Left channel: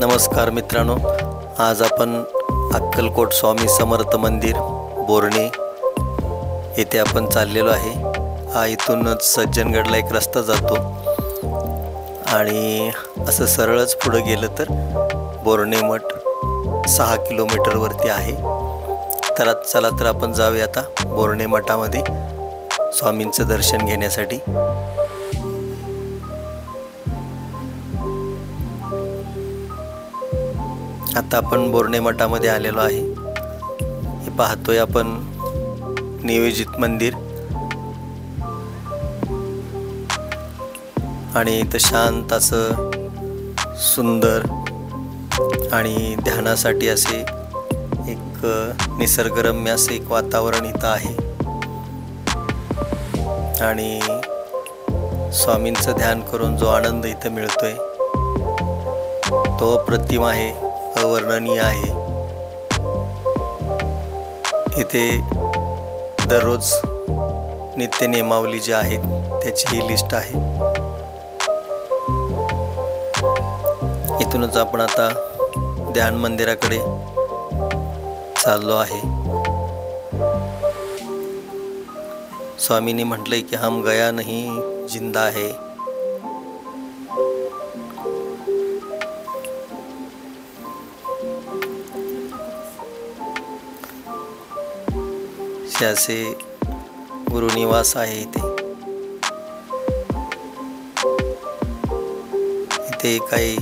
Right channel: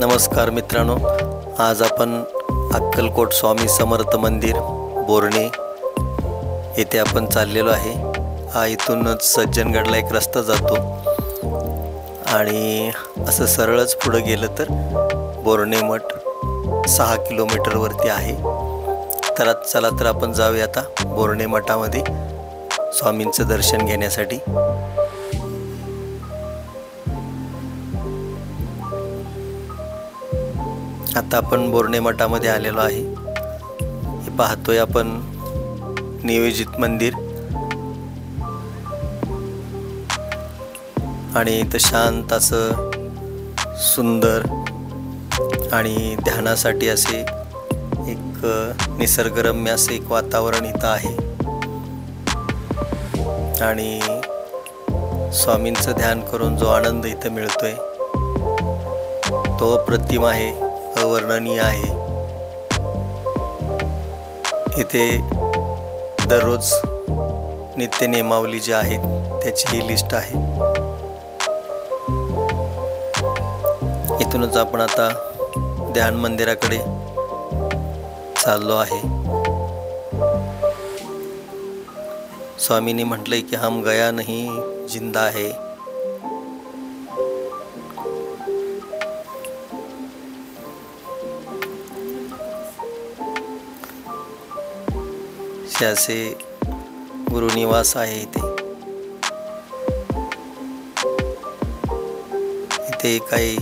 नमस्कार मित्रांनो, आज आपण अक्कलकोट स्वामी समर्थ मंदिर बोर्णे येथे आपण चाललेलो आहे। इथूनच सज्जनगडला एक रस्ता जातो आणि असं सरळच पुढे गेलं तर बोर्णे मठ 6 किलोमीटर वरती आहे। तर चला तर आपण जाऊया आता बोर्णे मठामध्ये स्वामींचं दर्शन घेण्यासाठी। आता आपण बोर्णे मठामध्ये आलेलो आहे। हे पाहतोय आपण नियोजित मंदिर आणि इथं शांत असं सुंदर आणि ध्यानासाठी असे एक निसर्गरम्य असे एक वातावरण इथं आहे आणि स्वामींचं ध्यान करून जो आनंद इथं मिळतोय तो अप्रतिम आहे, अवर्णनीय आहे। इथे दररोज नित्य नियमावली जी आहे त्याची ही लिस्ट आहे। इथूनच आपण आता ध्यान मंदिराकडे चाललो आहे। स्वामींनी म्हटलंय की हम गया नहीं जिंदा है। असे गुरुनिवास आहे इथे काही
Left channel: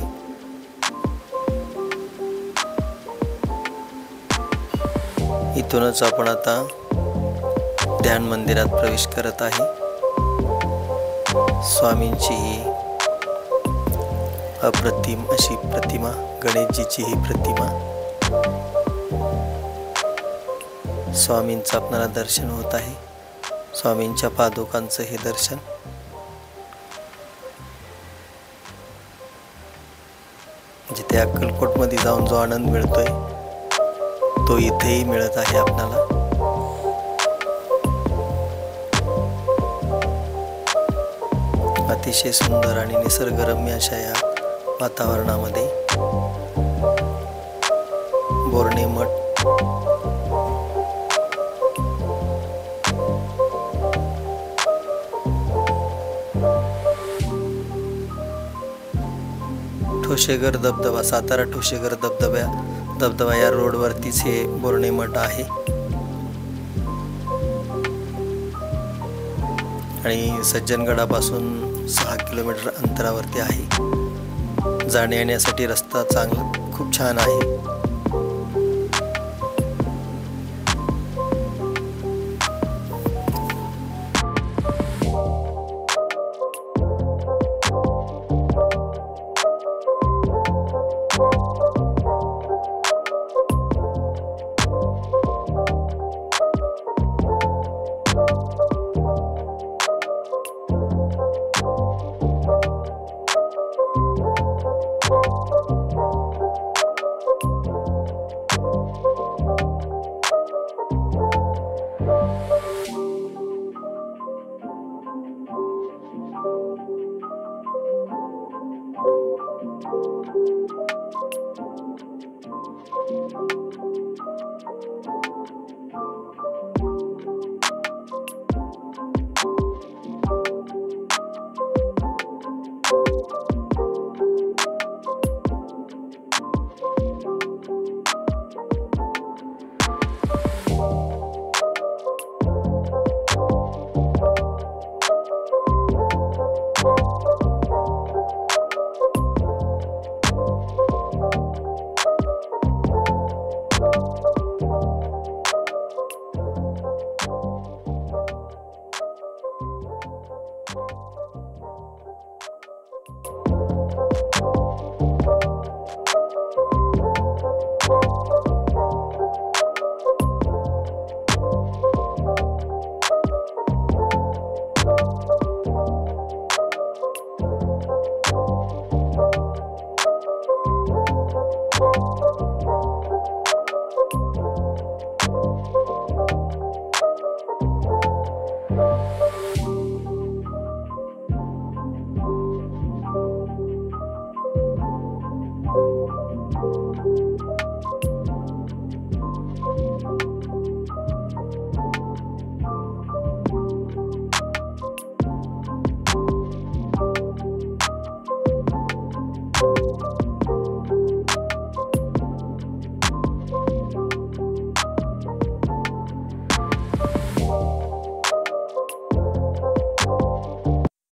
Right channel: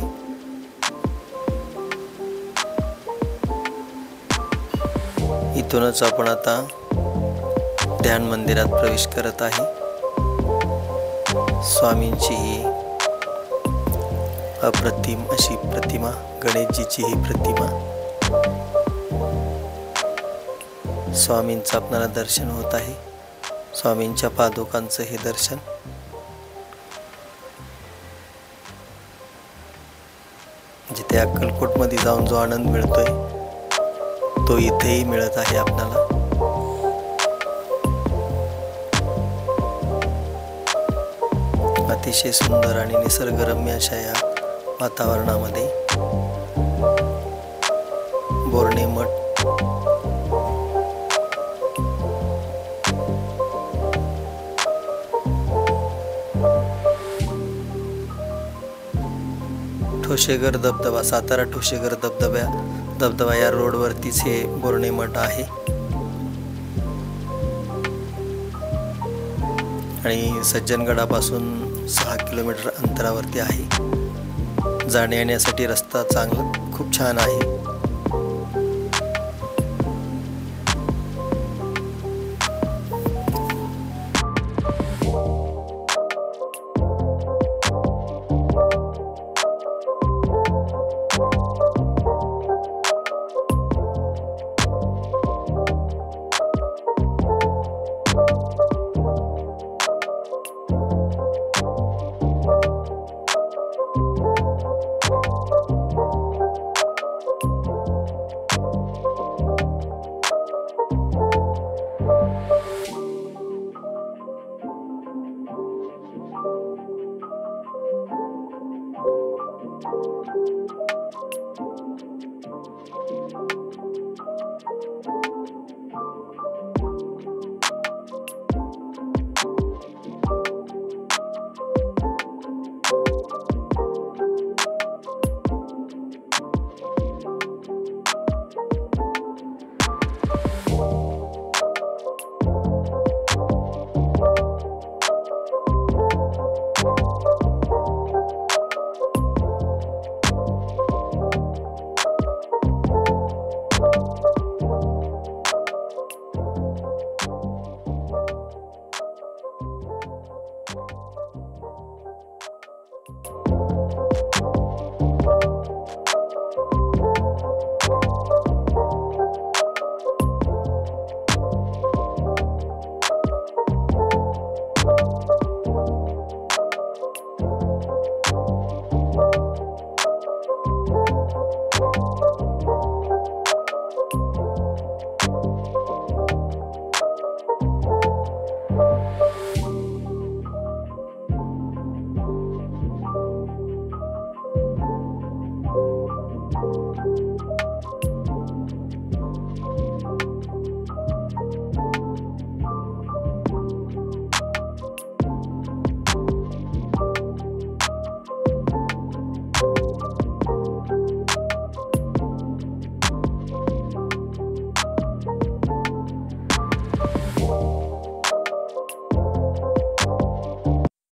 इथूनच आपण आता ध्यान मंदिरात प्रवेश करत आहे। स्वामींची ही अप्रतिम अशी प्रतिमा, गणेशजीची ही प्रतिमा, स्वामींचं आपल्याला दर्शन होत आहे। स्वामींच्या पादुकांचं हे दर्शन जिथे अक्कलकोट मध्ये जाऊन जो आनंद मिळतोय तो इथेही मिळत आहे आपल्याला। अतिशय सुंदर आणि निसर्गरम्य अशा या वातावरणामध्ये बोर्णे मठ ठोसेघर धबधबा, सातारा ठोसेघर धबधबा या रोडवरतीच हे बोर्णे मठ आहे आणि सज्जनगडापासून 6 किलोमीटर अंतरावरती आहे। जाण्या येण्यासाठी रस्ता खूप छान आहे।